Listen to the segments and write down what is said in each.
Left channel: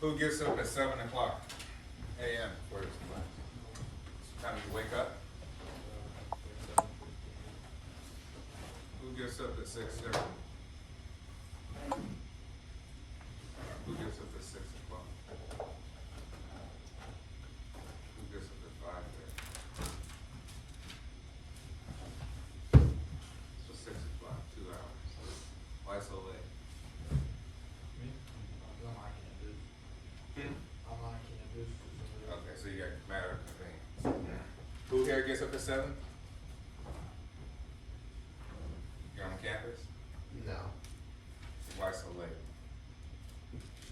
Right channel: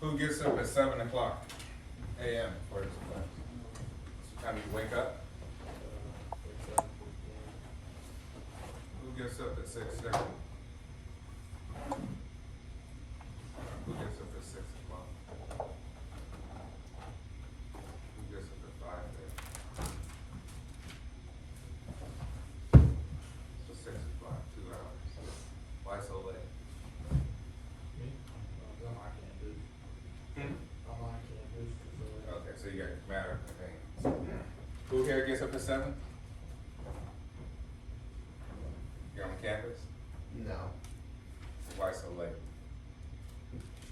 Who gets up at 7 o'clock a.m. for his class? Time you wake up? Who gets up at 6:30? Who gets up at 6 o'clock? Who gets up at 5:30? So 6 o'clock, 2 hours. Why so late? Me? I can't do. I can't do. Okay, so you got matter of things. Who here gets up at 7? You're on campus? No. Why so late?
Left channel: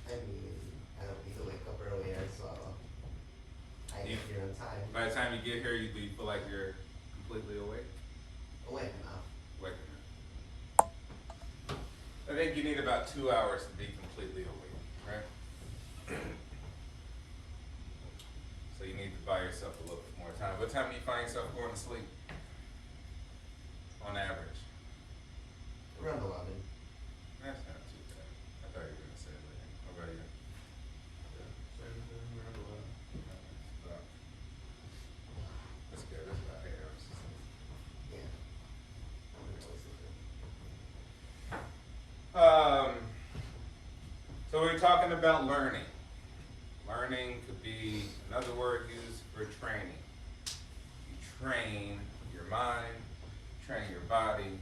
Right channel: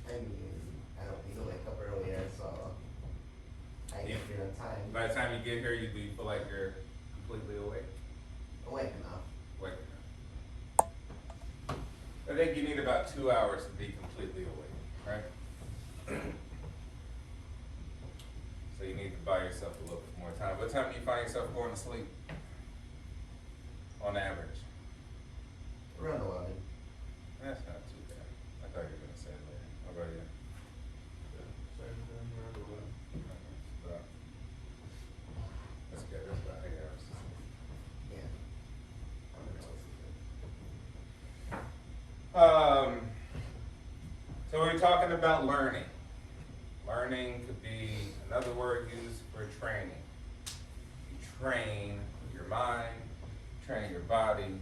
I mean, I don't need to wake up earlier, so I get here on time. By the time you get here, you feel like you're completely awake? Awake enough. Awake. I think you need about 2 hours to be completely awake, right? So you need to buy yourself a little bit more time. What time do you find yourself going to sleep? On average? Around 11. That's not too bad. I thought you were gonna say later. How about you? That's good. That's about 8 hours. Yeah. So we're talking about learning. Learning could be another word used for training. You train your mind, train your body.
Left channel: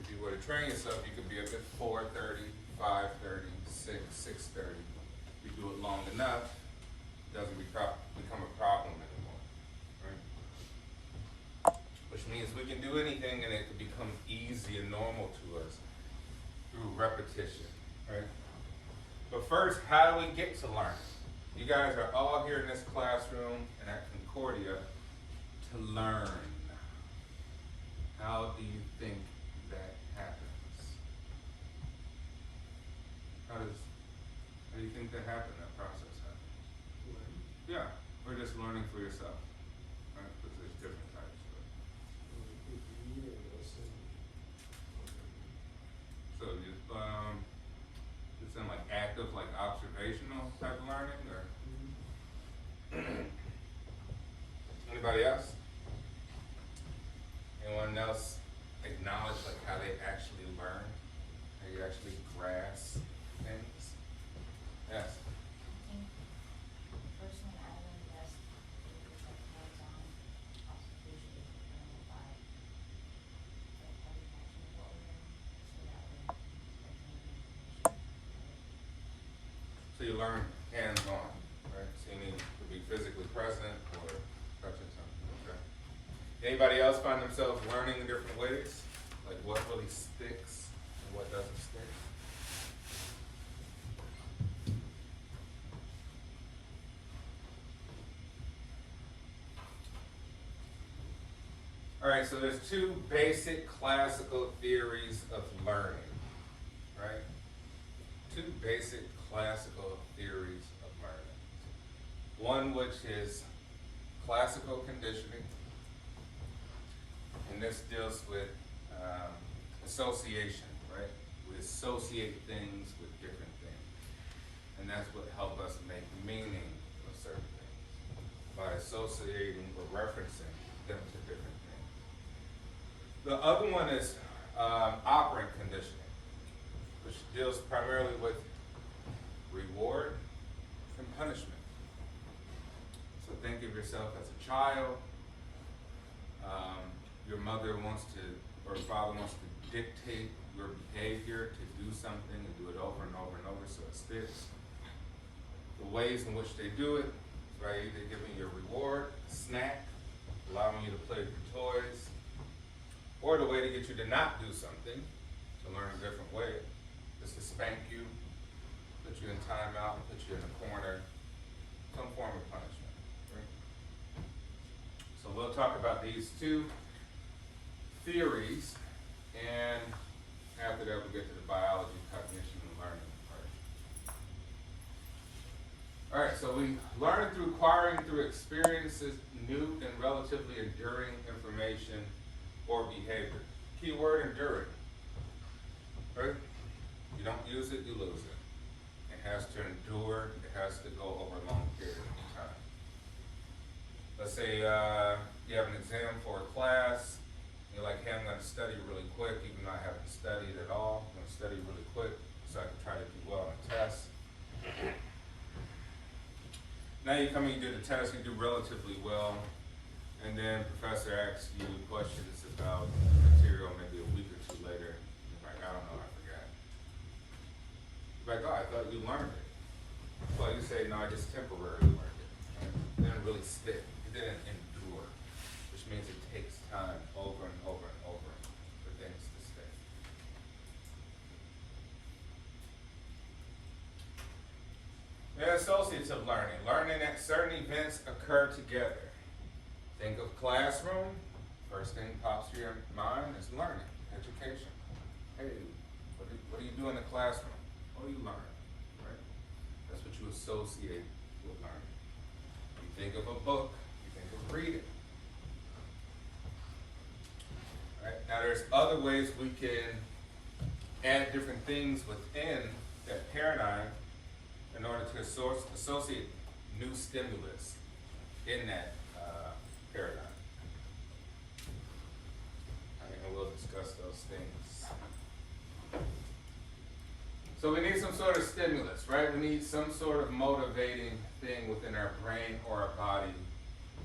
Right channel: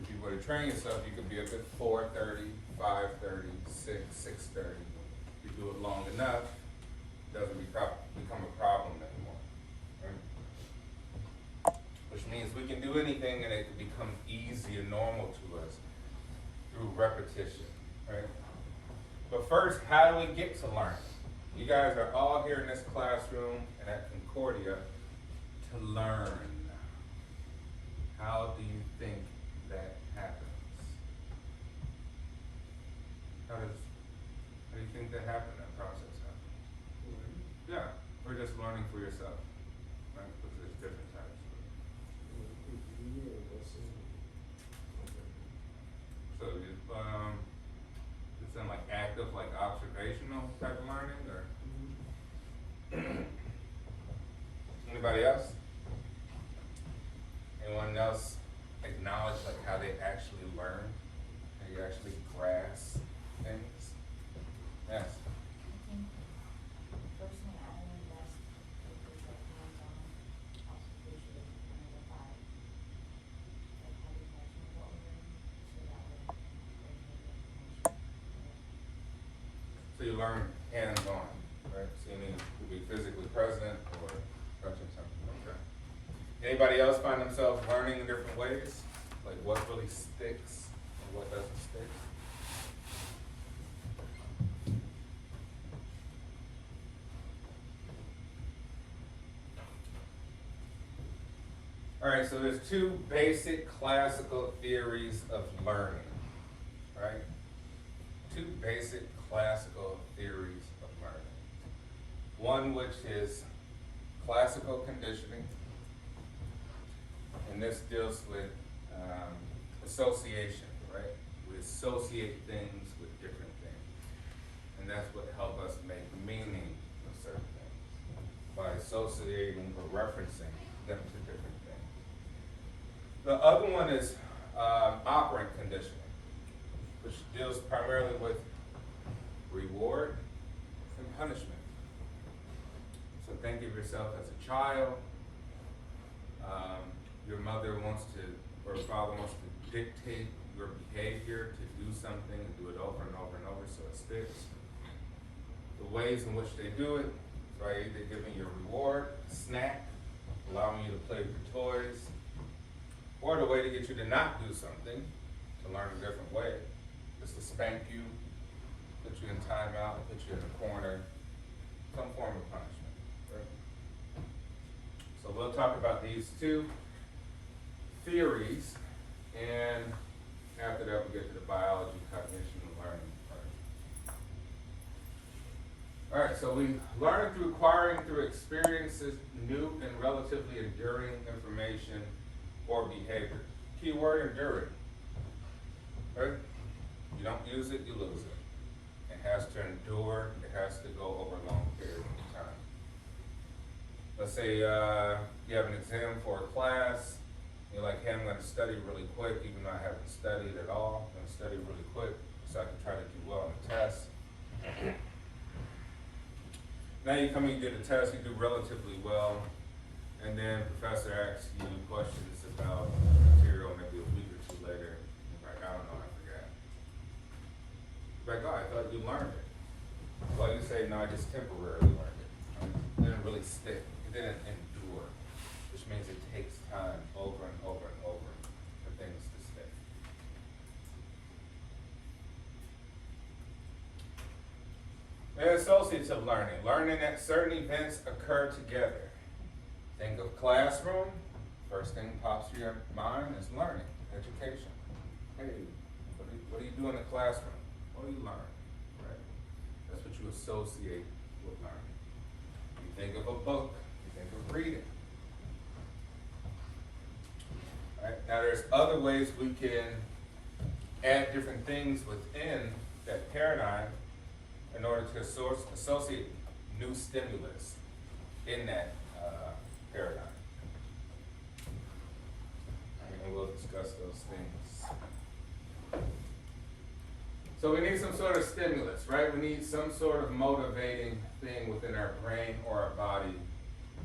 If you were to train yourself, you could be up at 4:30, 5:30, 6, 6:30. If you do it long enough, it doesn't become a problem anymore. Right? Which means we can do anything and it can become easy and normal to us through repetition. Right? But first, how do we get to learn? You guys are all here in this classroom and at Concordia to learn. How do you think that happens? How do you think that happens, that process happens? Yeah, we're just learning for yourself. Right? Because there's different types of it. So it's in like active, like observational type of learning, or anybody else? Anyone else acknowledge like how they actually learn, how you actually grasp things? Yes. I think personally I invest in like hands-on observation and the body. Like how you guys move over so that way you can information. So you learn hands-on, right? So you need to be physically present or touching something. Okay. Anybody else find themselves learning in different ways? Like what really sticks and what doesn't stick? All right, so there's two basic classical theories of learning, right? Two basic classical theories of learning. One which is classical conditioning, and this deals with association, right? We associate things with different things, and that's what helps us make meaning of certain things, by associating or referencing them to different things. The other one is operant conditioning, which deals primarily with reward and punishment. So think of yourself as a child. Your mother wants to, or father wants to dictate your behavior to do something and do it over and over and over so it sticks. The ways in which they do it is by either giving you a reward, a snack, allowing you to play with your toys, or the way to get you to not do something, to learn a different way, is to spank you, put you in timeout, put you in a corner, some form of punishment. Right? So we'll talk about these two theories, and after that we'll get to the biology, cognition, and learning part. All right, so we learn through acquiring through experiences, new and relatively enduring information or behavior. Key word, enduring. Right? You don't use it, you lose it. It has to endure, it let's say you have an exam for a class, you're like, hey, I'm gonna study really quick, even though I haven't studied at all. I'm gonna study really quick so I can try to do well on the test. Now you come and you do the test, you do relatively well, and then professor asks you questions about material maybe a week or two later. You're like, I don't know, I forgot. You're like, oh, I thought you learned it. Well, you say, no, I just temporarily learned it. Right? It didn't really stick. It didn't endure, which means it takes time over and over and over for things to stick. And associative learning. Learning that certain events occur together. Think of classroom. First thing pops to your mind is learning, education. Hey, what do you do in the classroom? What do you learn? Right? That's what you associate with learning. You think of a book, you think of reading. Right? Now there's other ways we can add different things within that paradigm in order to associate new stimulus in that paradigm. And we'll discuss those things. So we need some sort of stimulus, right? We need some sort of motivating thing within our brain or our body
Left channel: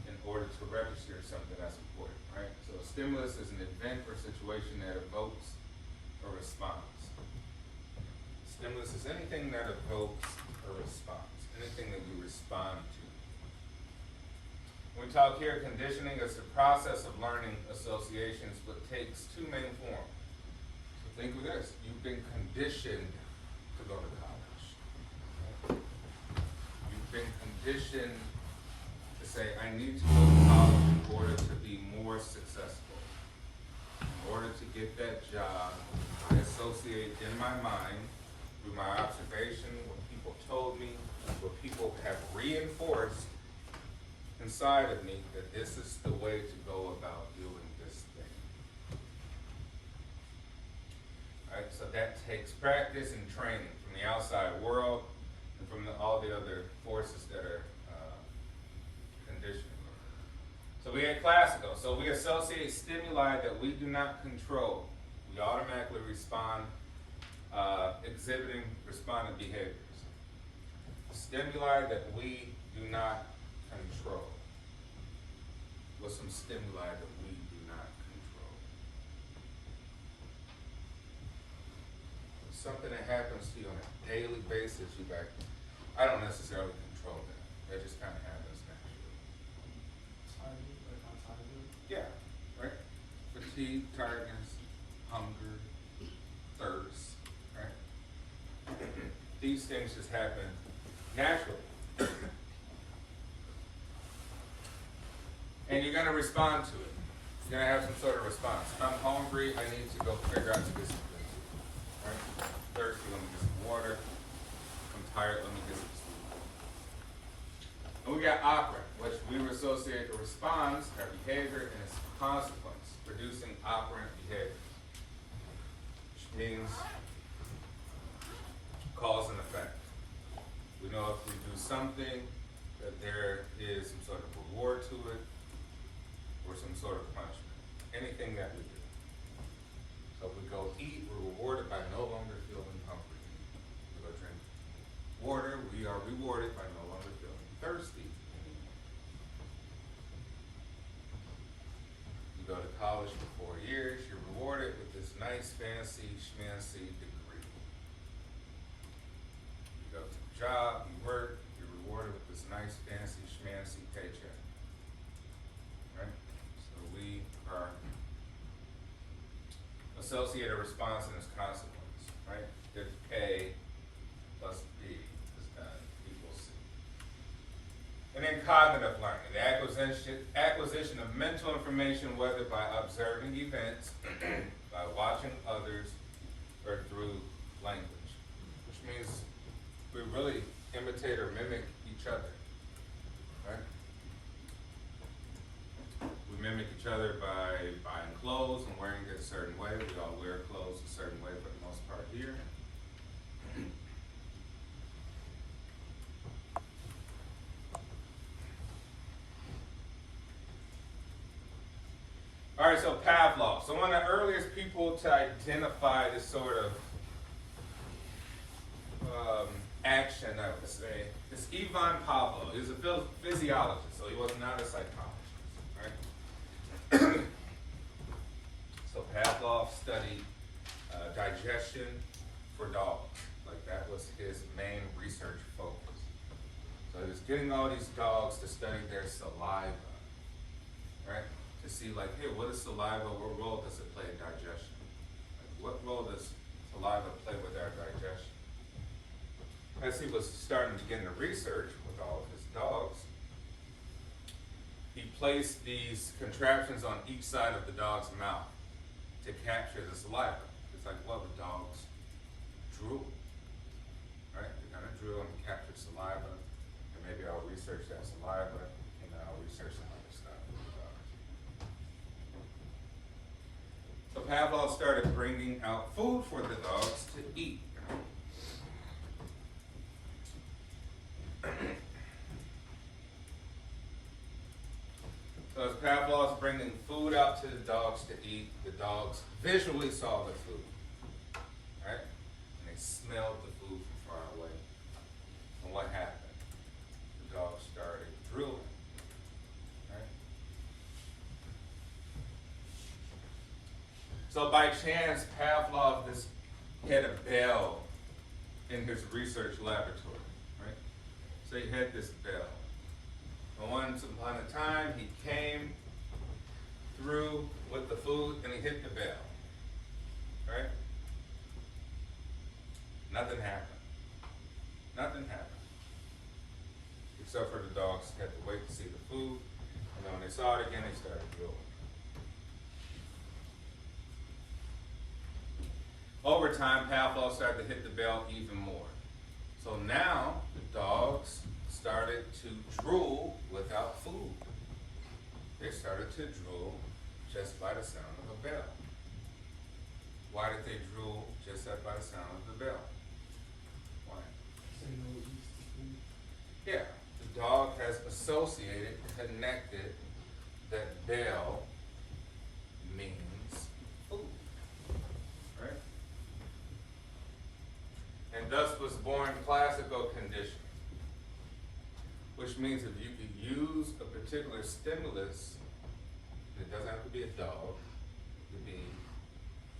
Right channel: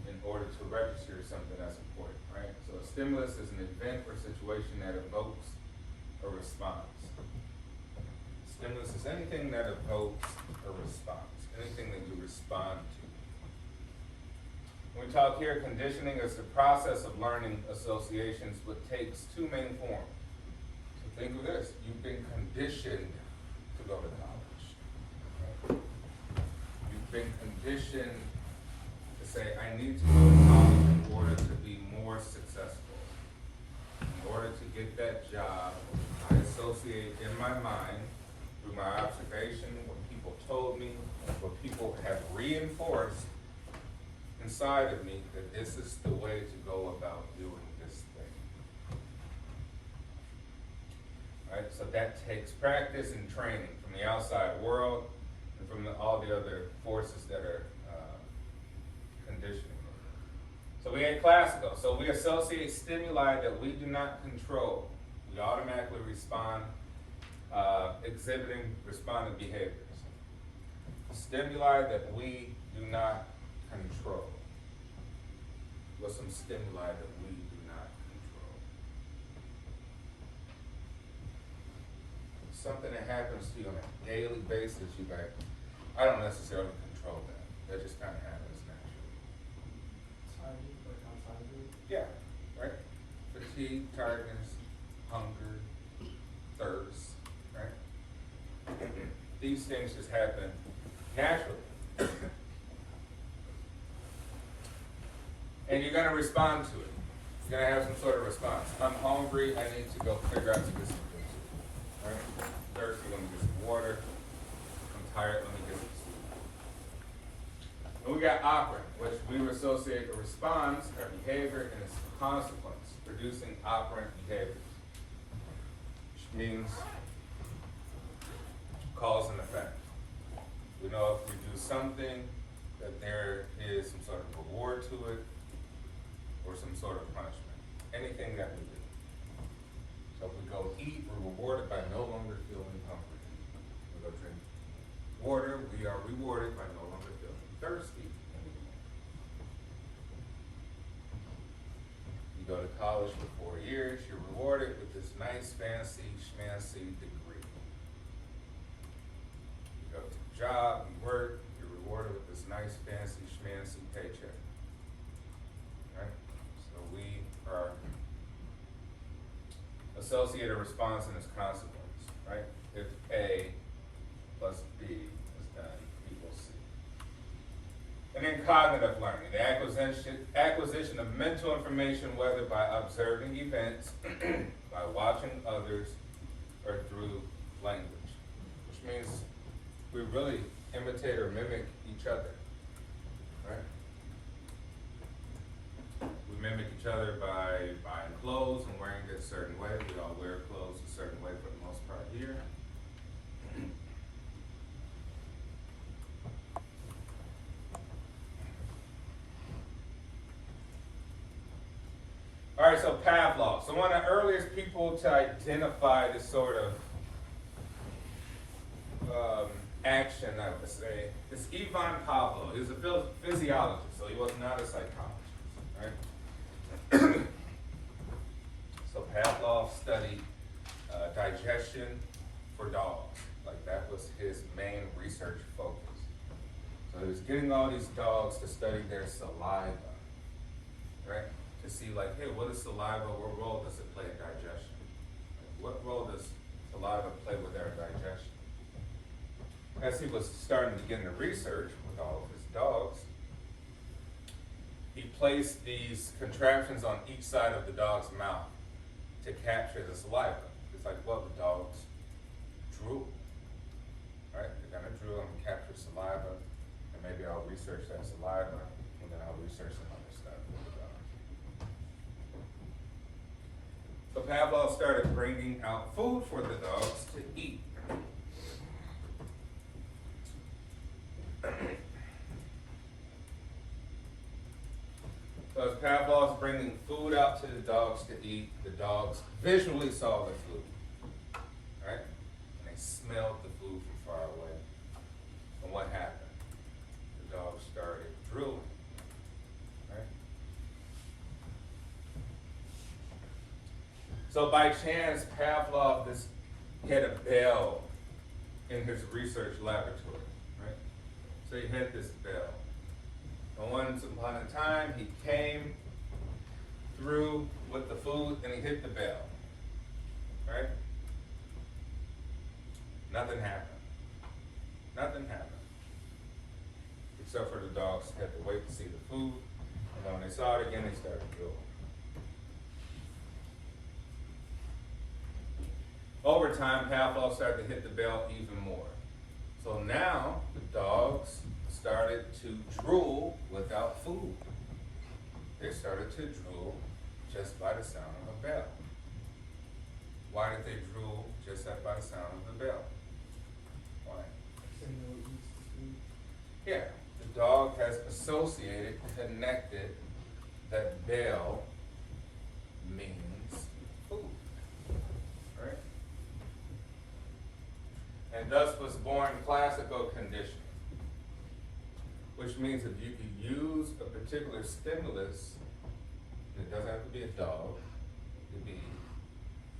in order to register something that's important, right? So a stimulus is an event or situation that evokes a response. Stimulus is anything that evokes a response, anything that you respond to. When we talk here, conditioning is the process of learning associations, which takes two main forms. So think of this, you've been conditioned to go to college. You've been conditioned to say, I need to go to college in order to be more successful. In order to get that job, I associate in my mind, through my observation, what people told me, what people have reinforced inside of me, that this is the way to go about doing this thing. Right? So that takes practice and training from the outside world and from all the other forces that are conditioning. So we had classical. So we associate stimuli that we do not control. We automatically respond, exhibiting respondent behaviors. Stimuli that we do not control. What's some stimuli that we do not control? Something that happens to you on a daily basis, you like, I don't necessarily control that. That just kind of happens naturally. Yeah, right? Fatigue, tiredness, hunger, thirst, right? These things just happen naturally. And you're going to respond to it. You're going to have some sort of response. I'm hungry, I need to go figure out to get some food. Right? Thirsty, let me get some water. I'm tired, let me get some sleep. And we got operant, which we associate a response, our behavior, and its consequence, producing operant behaviors. Which means cause and effect. We know if we do something, that there is some sort of reward to it, or some sort of punishment. Anything that we do. So if we go eat, we're rewarded by no longer feeling hungry. We go drink water, we are rewarded by no longer feeling thirsty anymore. You go to college for 4 years, you're rewarded with this nice, fancy, schmancy degree. You go to a job, you work, you're rewarded with this nice, fancy, schmancy paycheck. Right? So we are associate a response and its consequence, right? If A plus B is done, equals C. And then cognitive learning, the acquisition of mental information, whether by observing events, by watching others, or through language, which means we really imitate or mimic each other, right? We mimic each other by buying clothes and wearing it a certain way. We all wear clothes a certain way for the most part here. All right, so Pavlov. So one of the earliest people to identify this sort of action, I would say, is Ivan Pavlov. He was a physiologist, so he was not a psychologist, right? So Pavlov studied digestion for dogs. Like that was his main research focus. So he was getting all these dogs to study their saliva, right? To see like, hey, what is saliva? What role does it play in digestion? Like, what role does saliva play with our digestion? As he was starting to get into research with all of his dogs, he placed these contraptions on each side of the dog's mouth to capture the saliva. It's like, well, the dogs drool, right? They're gonna drool and capture saliva, and maybe I'll research that saliva, and then I'll research some other stuff with the dogs. So Pavlov started bringing out food for the dogs to eat. So as Pavlov's bringing food out to the dogs to eat, the dogs visually saw the food, right? And they smelled the food from far away. And what happened? The dogs started drooling, right? So by chance, Pavlov had a bell in his research laboratory, right? So he had this bell. And once upon a time, he came through with the food and he hit the bell, right? Nothing happened. Nothing happened. Except for the dogs had to wait to see the food, and then when they saw it again, they started drooling. Over time, Pavlov started to hit the bell even more. So now the dogs started to drool without food. They started to drool just by the sound of a bell. Why did they drool just by the sound of the bell? Why? Yeah, the dog has associated, connected that bell means food, right? And thus was born classical conditioning, which means if you can use a particular stimulus, it doesn't have to be a dog, it could be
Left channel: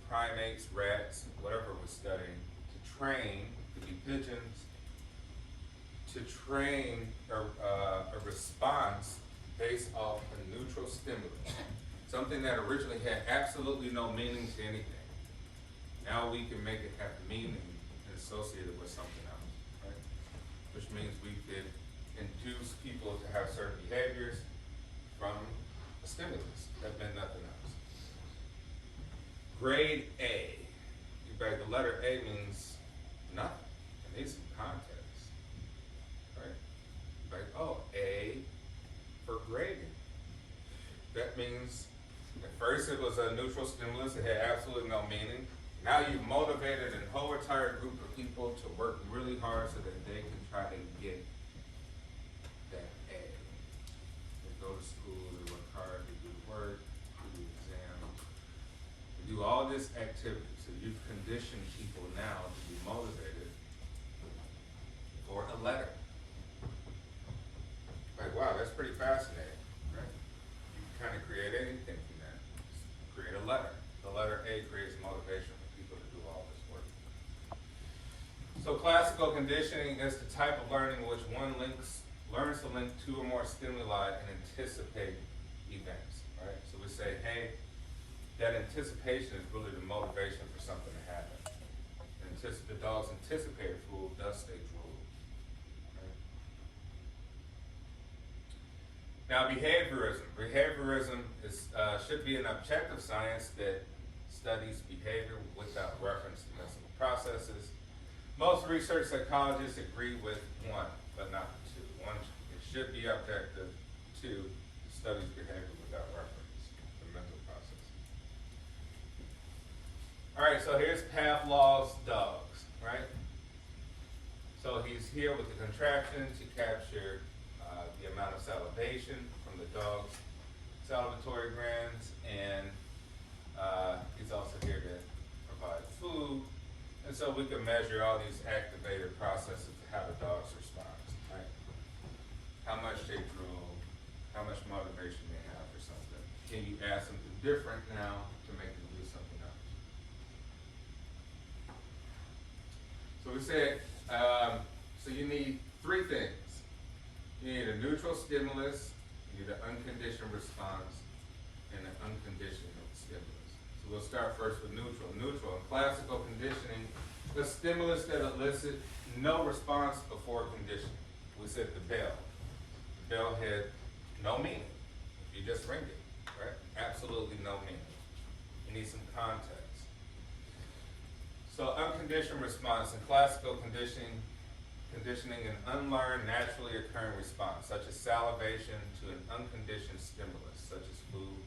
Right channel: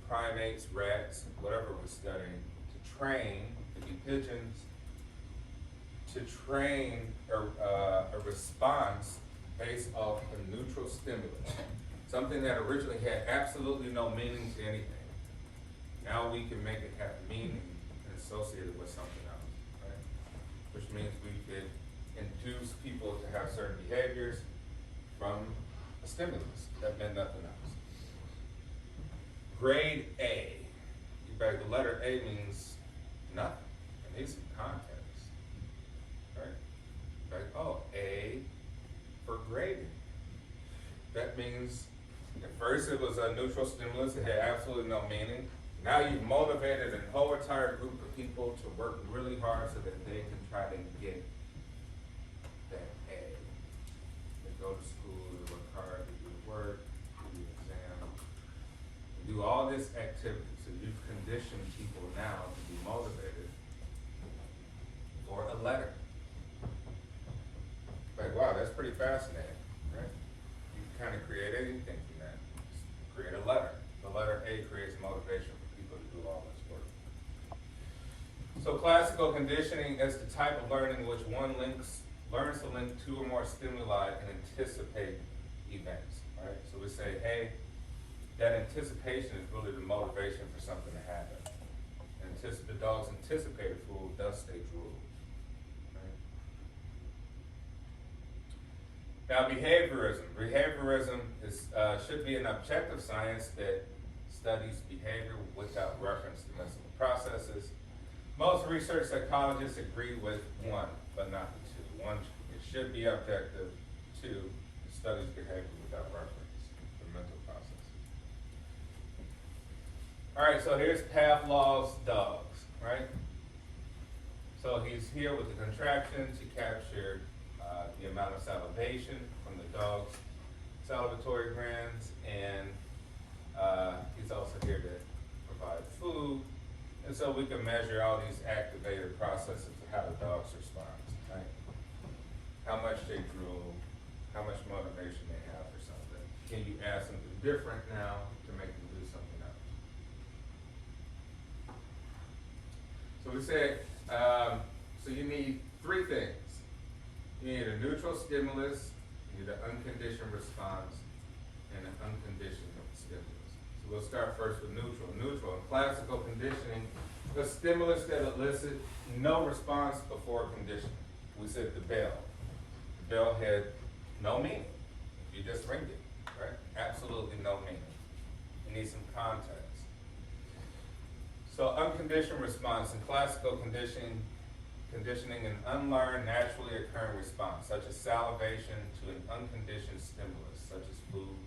primates, rats, whatever we're studying, to train, it could be pigeons, to train a response based off a neutral stimulus, something that originally had absolutely no meaning to anything. Now we can make it have meaning and associate it with something else, right? Which means we could induce people to have certain behaviors from a stimulus that meant nothing else. Grade A. The letter A means nothing. It needs some context, right? Like, oh, A for grading. That means at first it was a neutral stimulus, it had absolutely no meaning. Now you've motivated a whole entire group of people to work really hard so that they can try to get that A. They go to school, they work hard, they do work, do the exam, they do all this activity. So you've conditioned people now to be motivated for a letter. Like, wow, that's pretty fascinating, right? You can kind of create anything from that. Just create a letter. The letter A creates motivation for people to do all this work. So classical conditioning is the type of learning in which one learns to link two or more stimuli and anticipate events, right? So we say, hey, that anticipation is really the motivation for something to happen. The dogs anticipate food, thus they drool. Now, behaviorism. Behaviorism should be an objective science that studies behavior without reference to mental processes. Most research psychologists agree with one, but not two. One, it should be objective. Two, it studies behavior without reference to mental processes. All right, so here's Pavlov's dogs, right? So he's here with the contraption to capture the amount of salivation from the dog's salivatory glands, and he's also here to provide food. And so we can measure all these activated processes of how the dog's response, right? How much they drool, how much motivation they have for something. Can you add something different now to make them do something else? So we said, so you need three things. You need a neutral stimulus, you need an unconditioned response, and an unconditioned stimulus. So we'll start first with neutral. Neutral, in classical conditioning, a stimulus that elicits no response before conditioning. We said the bell. The bell had no meaning. You just ring it, right? Absolutely no meaning. You need some context. So unconditioned response in classical conditioning, an unlearned, naturally occurring response, such as salivation, to an unconditioned stimulus, such as food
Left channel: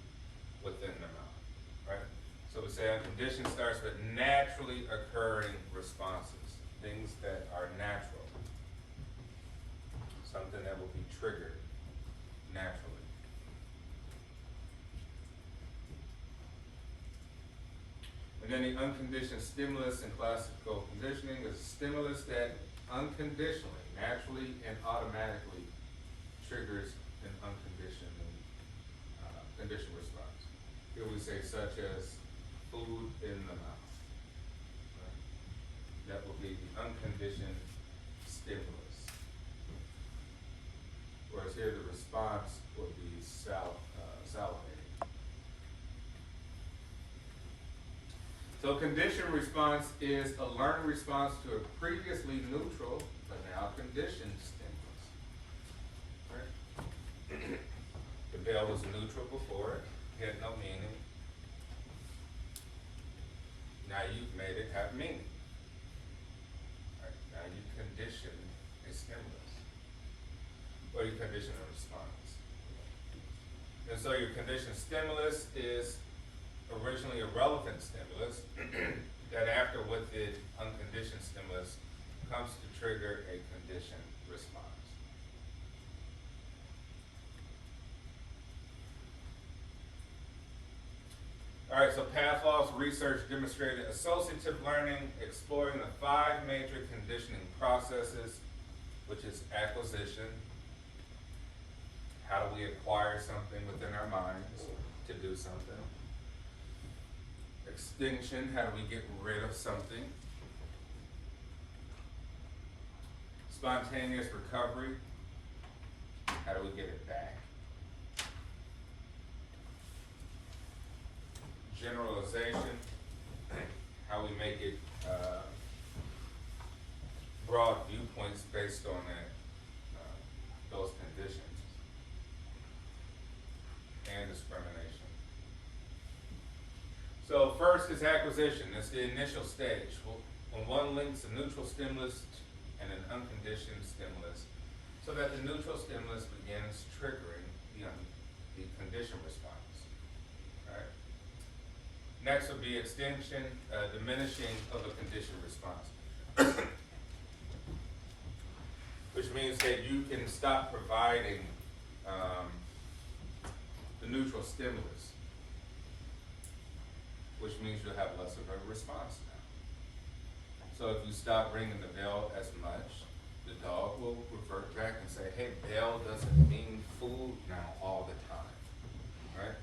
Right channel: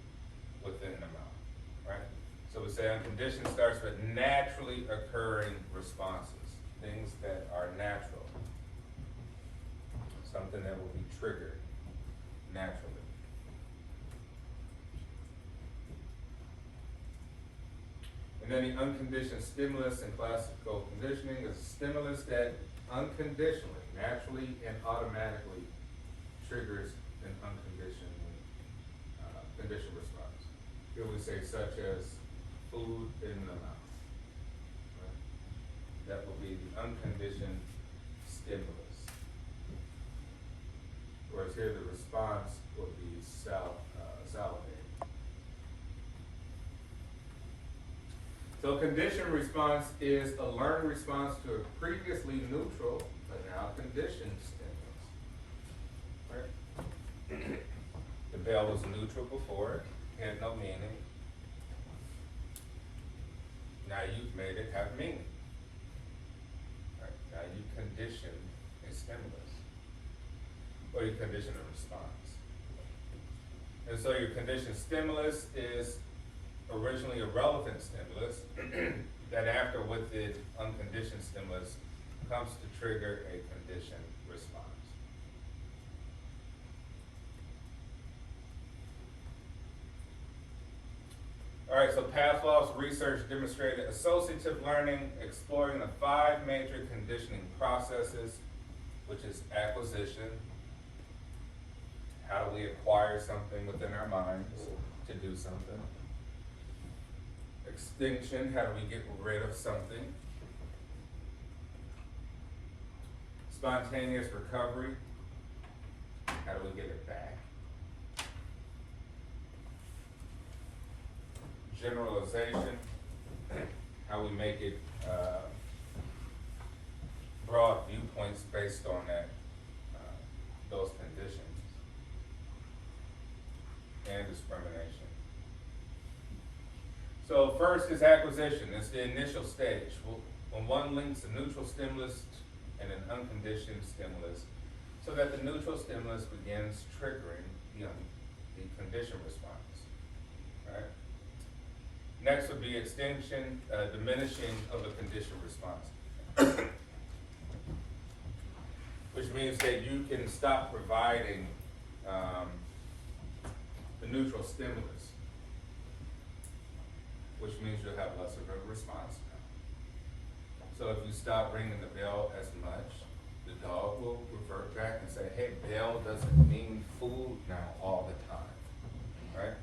within the mouth, right? So we say unconditioned starts with naturally occurring responses, things that are natural, something that will be triggered naturally. And then the unconditioned stimulus in classical conditioning is a stimulus that unconditionally, naturally, and automatically triggers an unconditioned conditioned response. Here we say such as food in the mouth. Right? That will be the unconditioned stimulus. Whereas here the response will be salivating. So conditioned response is a learned response to a previously neutral, but now conditioned stimulus. Right? The bell was neutral before, it had no meaning. Now you've made it have meaning. Right? Now you conditioned a stimulus. Or you condition a response. And so your conditioned stimulus is originally a relevant stimulus that after with the unconditioned stimulus comes to trigger a conditioned response. All right, so Pavlov's research demonstrated associative learning exploring the 5 major conditioning processes, which is acquisition. How do we acquire something within our minds to do something? Extinction, how do we get rid of something? Spontaneous recovery, how do we get it back? Generalization, how we make it broad viewpoints based on that, those conditions. And discrimination. So first is acquisition. It's the initial stage. When one links a neutral stimulus and an unconditioned stimulus, so that the neutral stimulus begins triggering the conditioned response. Right? Next would be extinction, diminishing of the conditioned response. Which means that you can stop providing the neutral stimulus, which means you'll have less of a response now. So if you stop ringing the bell as much, the dog will revert back and say, hey, bell doesn't mean food now all the time, right?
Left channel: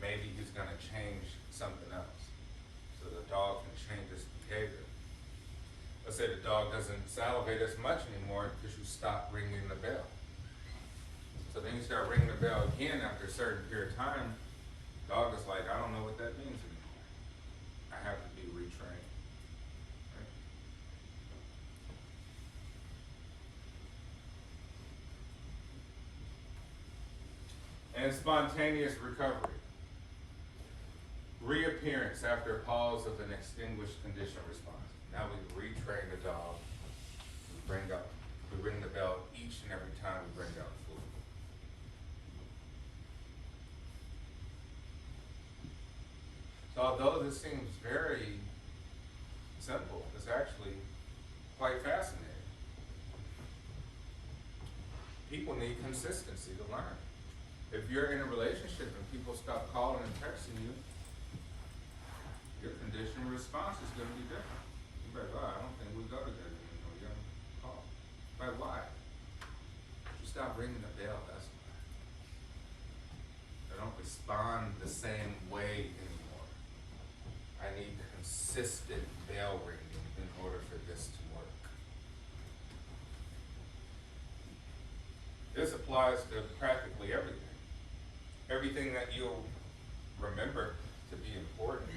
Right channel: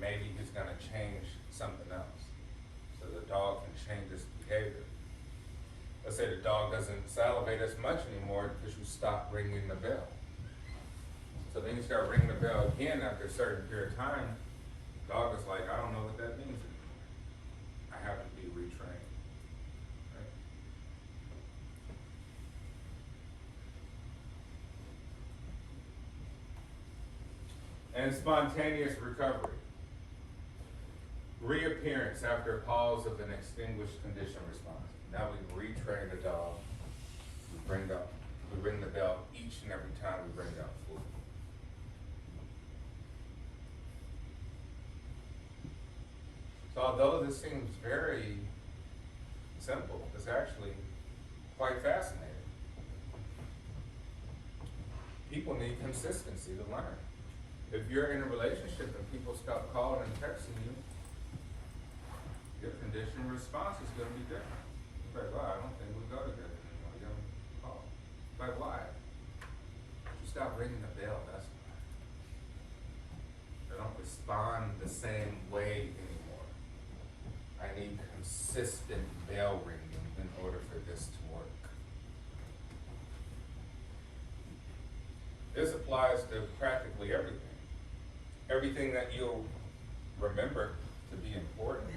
Maybe he's gonna change something else, so the dog can change its behavior. Let's say the dog doesn't salivate as much anymore because you stop ringing the bell. So then you start ringing the bell again after a certain period of time, the dog is like, I don't know what that means anymore. I have to be retrained. Right? And spontaneous recovery. Reappearance after a pause of an extinguished conditioned response. Now we retrain the dog. We ring the bell each and every time we bring out food. So although this seems very simple, it's actually quite fascinating. people need consistency to learn. If you're in a relationship and people stop calling and texting you, your conditioned response is gonna be different. You're like, oh, I don't think we go together anymore. You don't call. Like, why? You stop ringing the bell, that's why. I don't respond the same way anymore. I need consistent bell ringing in order for this to work. This applies to practically everything. Everything that you'll remember to be important.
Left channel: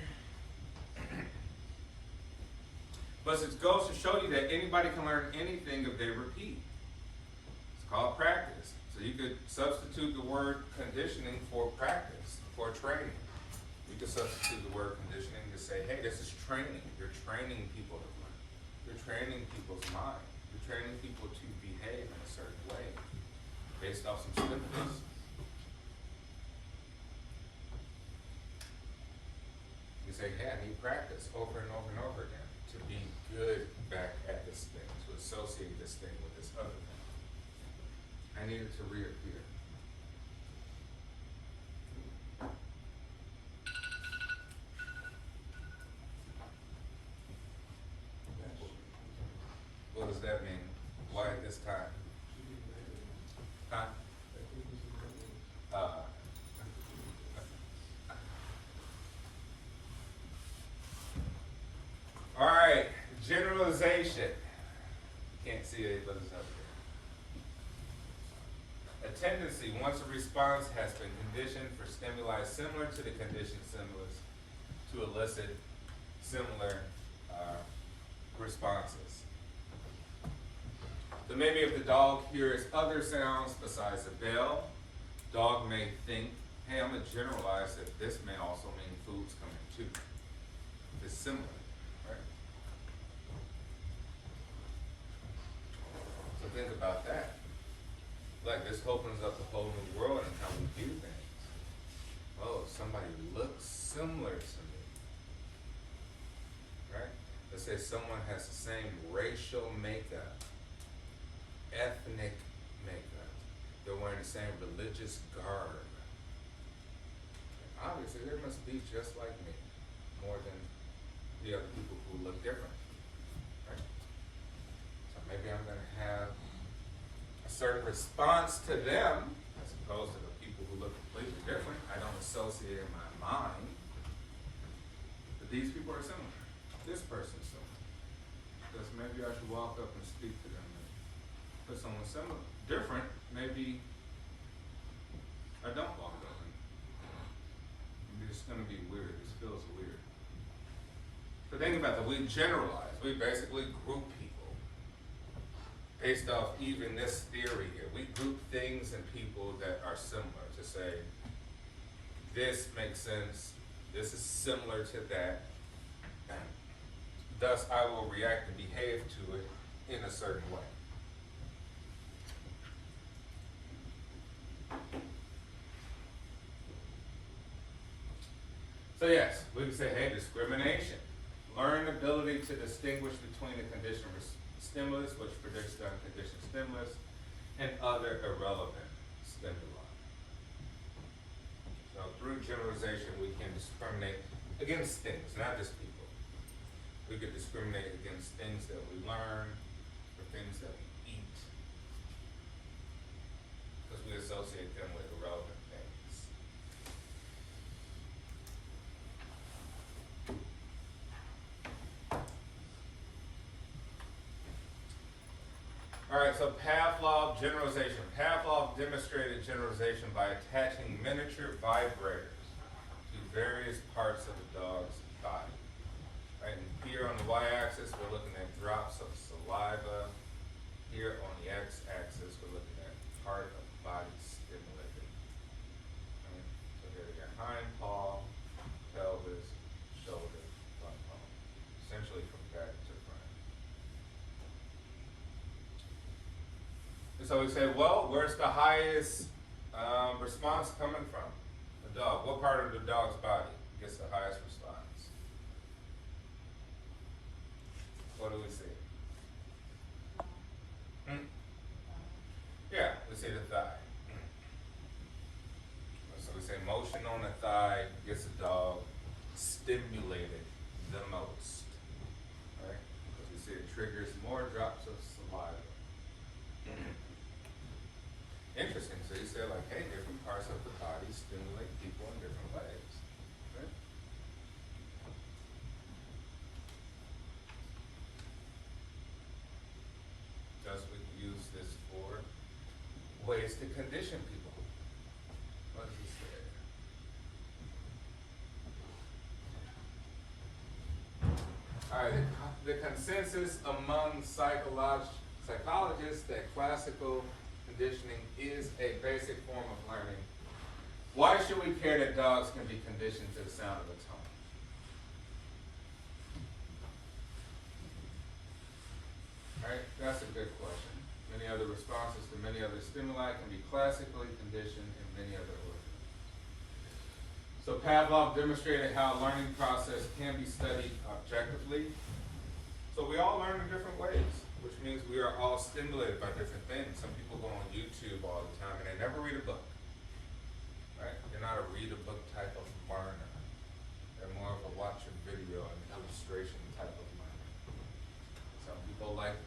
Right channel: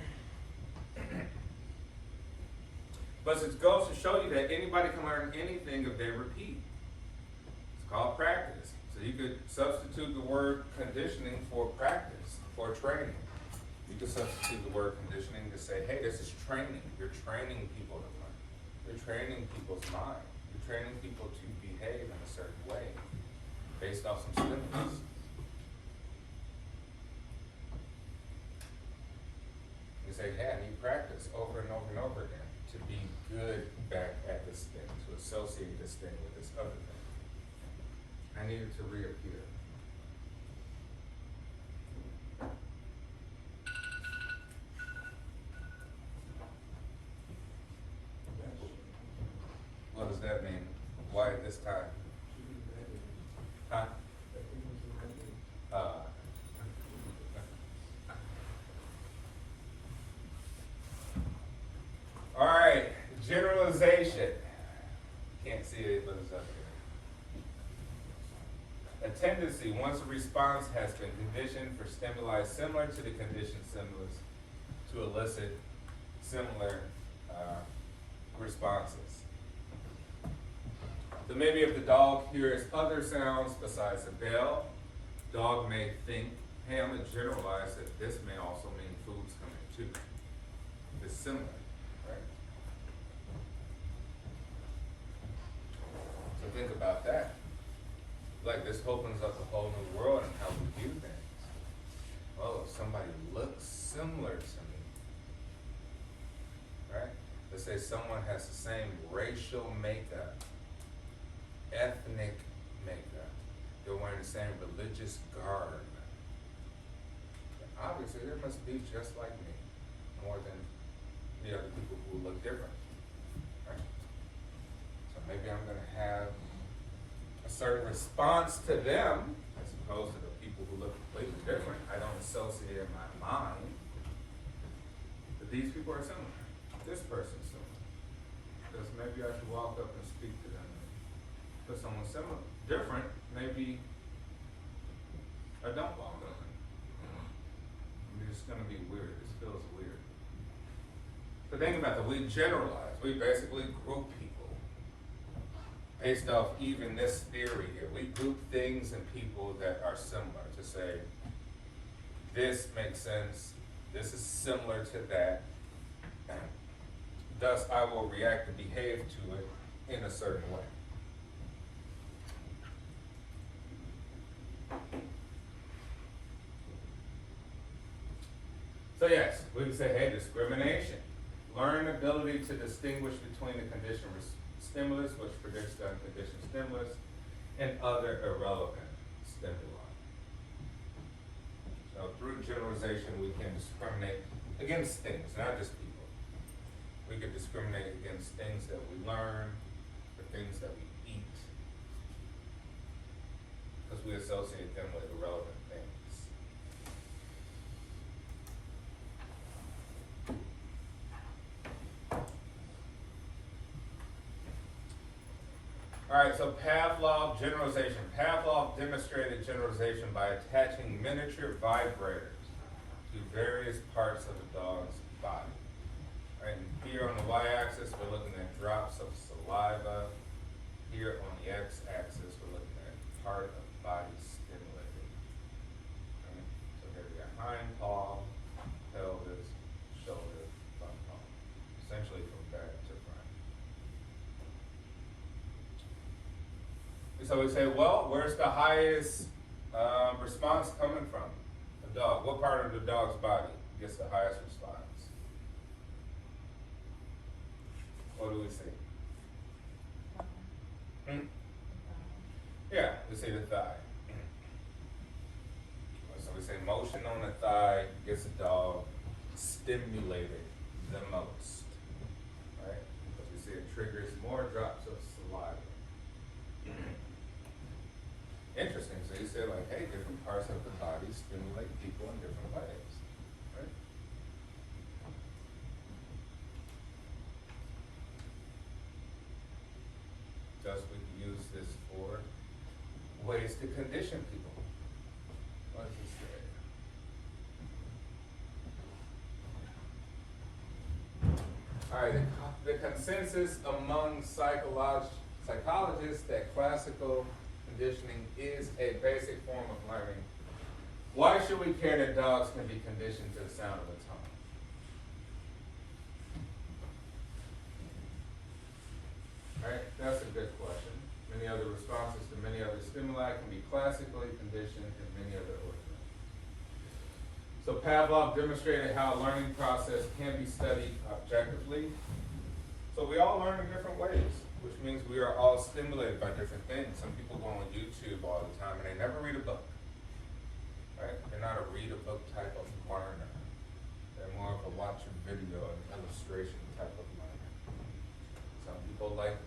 But it goes to show you that anybody can learn anything if they repeat. It's called practice. So you could substitute the word conditioning for practice, for training. You could substitute the word conditioning to say, hey, this is training. You're training people to learn. You're training people's mind. You're training people to behave in a certain way based off some stimulus. You say, hey, I need practice over and over and over again to be good back at this thing, to associate this thing with this other thing. I need it to reappear. What does that mean? Why at this time? Huh? All right, generalization. Can't see it, but it's up there. A tendency, once a response has been conditioned for stimuli similar to the conditioned stimulus, to elicit similar responses. So maybe if the dog hears other sounds besides the bell, dog may think, hey, I'm going to generalize that this may also mean food's coming too. It's similar. So think about that. Like, this opens up a whole new world in how we view things. Well, if somebody looks similar to me, right? Let's say someone has the same racial makeup, ethnic makeup, they're wearing the same religious garb. Obviously, they must be just like me, more than the other people who look different. Maybe I'm going to have a certain response to them as opposed to the people who look completely different. I don't associate in my mind that these people are similar. This person's similar. Because maybe I should walk up and speak to them. But someone similar, different, maybe I don't walk up. I mean, it's going to be weird. This feels weird. So think about that. We generalize. We basically group people. Based off even this theory here, we group things and people that are similar to say, this makes sense, this is similar to that, thus I will react and behave to it in a certain way. So yes, we would say, hey, discrimination. Learn the ability to distinguish between the conditioned stimulus, which predicts the unconditioned stimulus, and other irrelevant stimuli. So through generalization, we can discriminate against things, not just people. We could discriminate against things that we learn, or things that we eat, because we associate them with irrelevant things. All right, so Pavlov generalization. Pavlov demonstrated generalization by attaching miniature vibrators to various parts of the dog's body. Right, and here on the y-axis, we're looking at drops of saliva. Here on the x-axis, we're looking at part of the body stimulated. Right? So here we got hind paw, pelvis, shoulder, thumb bone. Essentially from back to front. So we say, well, where's the highest response coming from? The dog. What part of the dog's body gets the highest response? What do we see? Yeah, we say motion on the thigh gets a dog stimulated the most, right? Because we say it triggers more drops of saliva. Interesting, so you say like, hey, different parts of the body stimulate people in different ways, right? Thus we use this for ways to condition people. What does this say? All right, the consensus among psychologists that classical conditioning is a basic form of learning. Why should we care that dogs can be conditioned to the sound of a tongue? Right, that's a good question. Many other responses to many other stimuli can be classically conditioned in many other organisms. So Pavlov demonstrated how a learning process can be studied objectively. So we all learn in different ways, which means we are all stimulated by different things. Some people go on YouTube all the time and they never read a book. Right? They're not a read a book type of learner. They're more of a watch a video and illustration type of learner. Some people like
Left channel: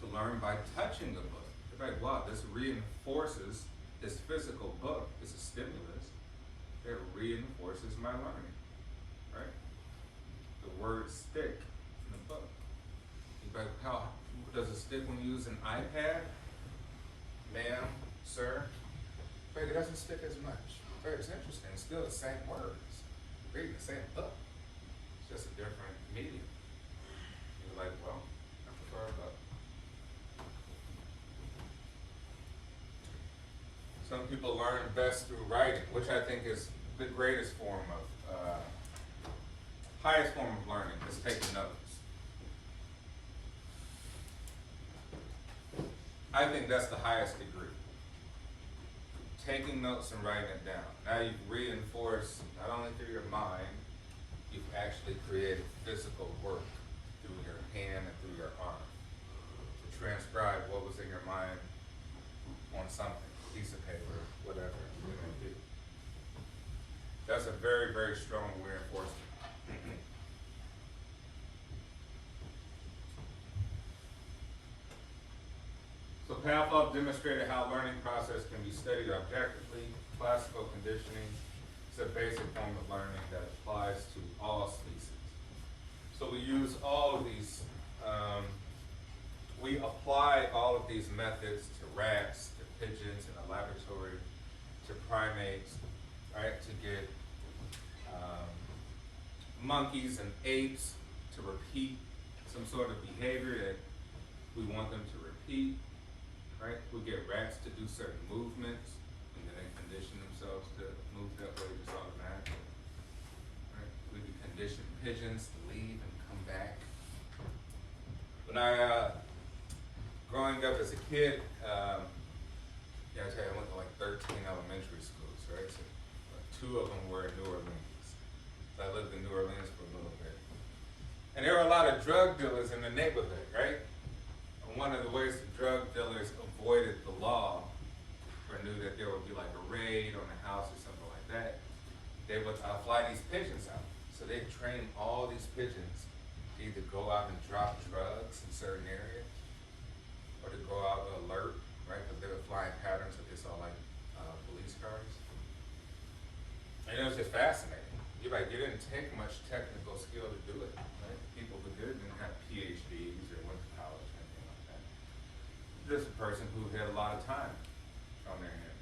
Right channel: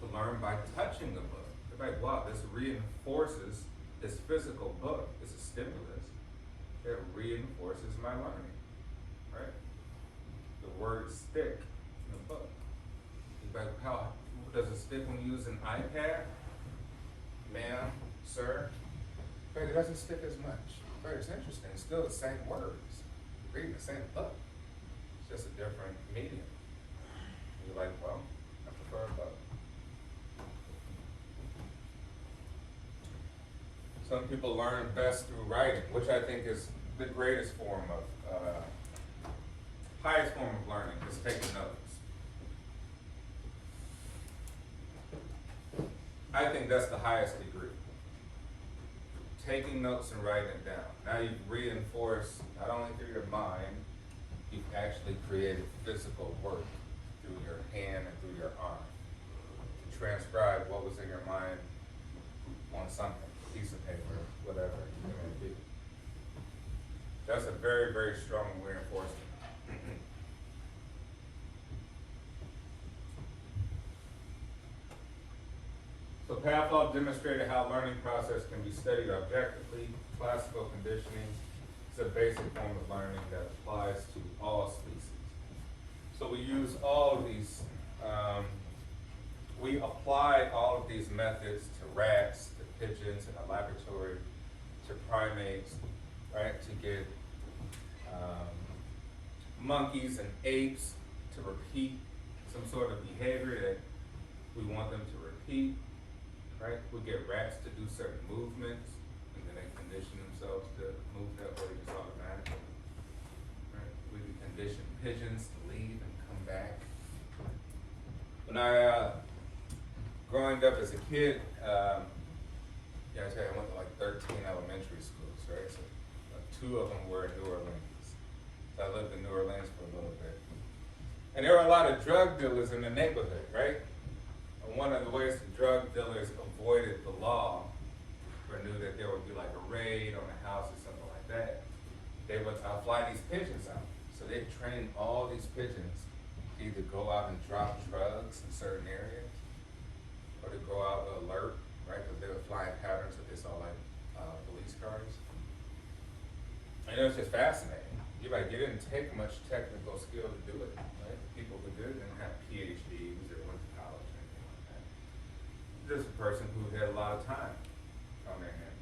to learn by touching the book. They're like, wow, this reinforces this physical book. It's a stimulus that reinforces my learning. Right? The word stick in the book. You're like, how does it stick when you use an iPad? Ma'am, sir? Right, it doesn't stick as much. Right, it's interesting. It's still the same words. You're reading the same book. It's just a different medium. You're like, well, I prefer a book. Some people learn best through writing, which I think is the greatest form of, highest form of learning, is taking notes. I think that's the highest degree. Taking notes and writing it down. Now you've reinforced, not only through your mind, you've actually created physical work through your hand and through your arm to transcribe what was in your mind on something, piece of paper, whatever it may be. That's a very, very strong reinforcement. So Pavlov demonstrated how learning process can be studied objectively. Classical conditioning is a basic form of learning that applies to all species. So we use all of these, we apply all of these methods to rats, to pigeons in a laboratory, to primates, right, to get monkeys and apes to repeat some sort of behavior that we want them to repeat. Right? We get rats to do certain movements, and then they condition themselves to move that way just automatically. Right? We can condition pigeons to leave and come back. When I, growing up as a kid, I tell you, I went to like 13 elementary schools, right? So like 2 of them were in New Orleans. So I lived in New Orleans for a little bit. And there were a lot of drug dealers in the neighborhood, right? And one of the ways the drug dealers avoided the law, or knew that there would be like a raid on a house or something like that, they would fly these pigeons out. So they'd train all these pigeons to either go out and drop drugs in certain areas, or to go out and alert, right? Because they would fly in patterns that they saw like police cars. And it was just fascinating. You're like, it didn't take much technical skill to do it, right? People who did it didn't have PhDs or went to college or anything like that. Just a person who had a lot of time on their hands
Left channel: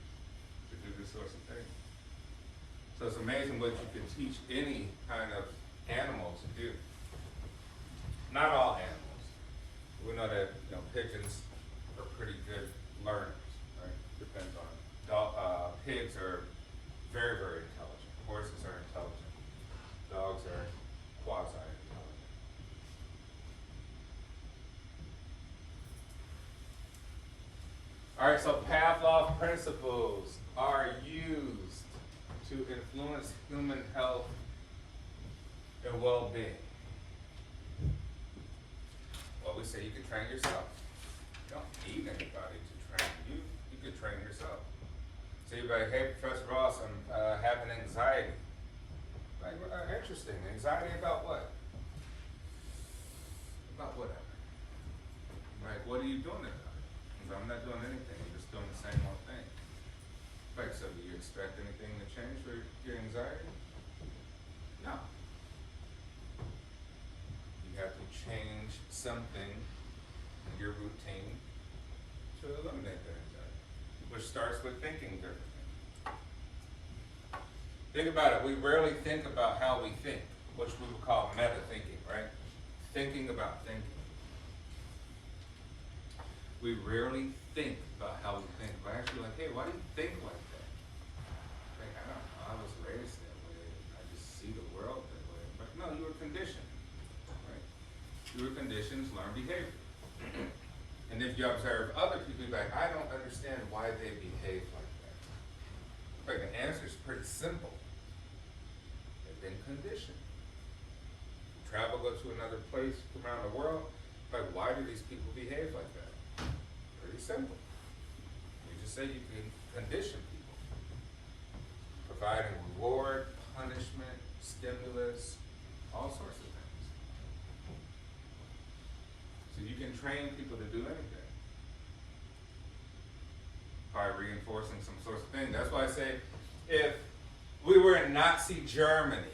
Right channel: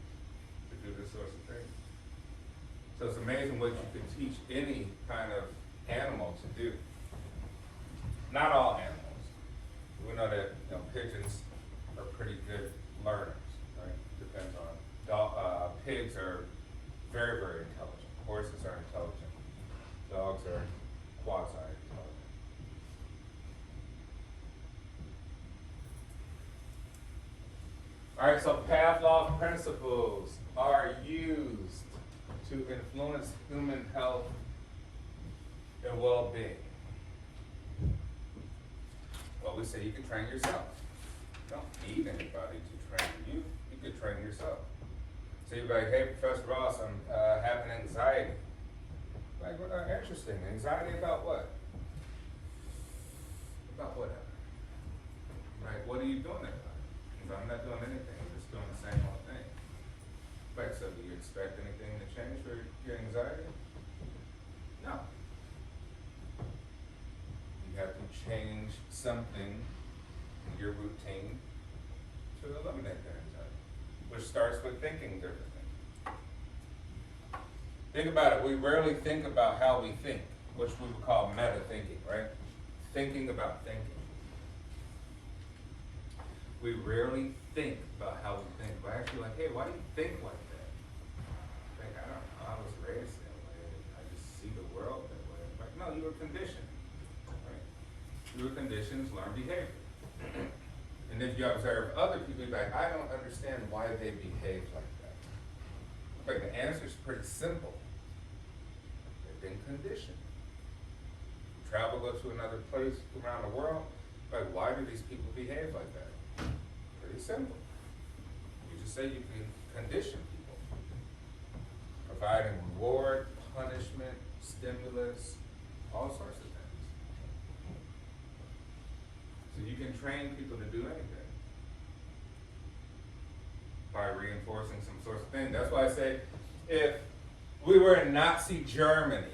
to do this sorts of things. So it's amazing what you can teach any kind of animal to do. Not all animals. We know that pigeons are pretty good learners, right? Depends on pigs are very, very intelligent. Horses are intelligent. Dogs are quasi-intelligent. All right, so Pavlov principles are used to influence human health and well-being. Well, we say you can train yourself. You don't need anybody to train you. You can train yourself. So you're like, hey, Professor Ross, I'm having anxiety. Like, well, interesting. Anxiety about what? About what? Right, what are you doing about it? I'm not doing anything, I'm just doing the same old thing. Right, so do you expect anything to change for your anxiety? No. You have to change something in your routine to eliminate that anxiety, which starts with thinking differently. Think about it, we rarely think about how we think, which we would call meta thinking, right? Thinking about thinking. We rarely think about how we think. We're actually like, hey, why do you think like that? Like, I don't know, I was raised that way. I just see the world that way. But no, you were conditioned, right? You were conditioned to learn behavior. And if you observe other people, you're like, I don't understand why they behave like that. But the answer is pretty simple. They've been conditioned. You travel, go to another place around the world, like, why do these people behave like that? Pretty simple. You just say you can condition people. Providing reward, punishment, stimulus, all sorts of things. So you can train people to do anything by reinforcing some sort of thing. That's why I say, if we were in Nazi Germany,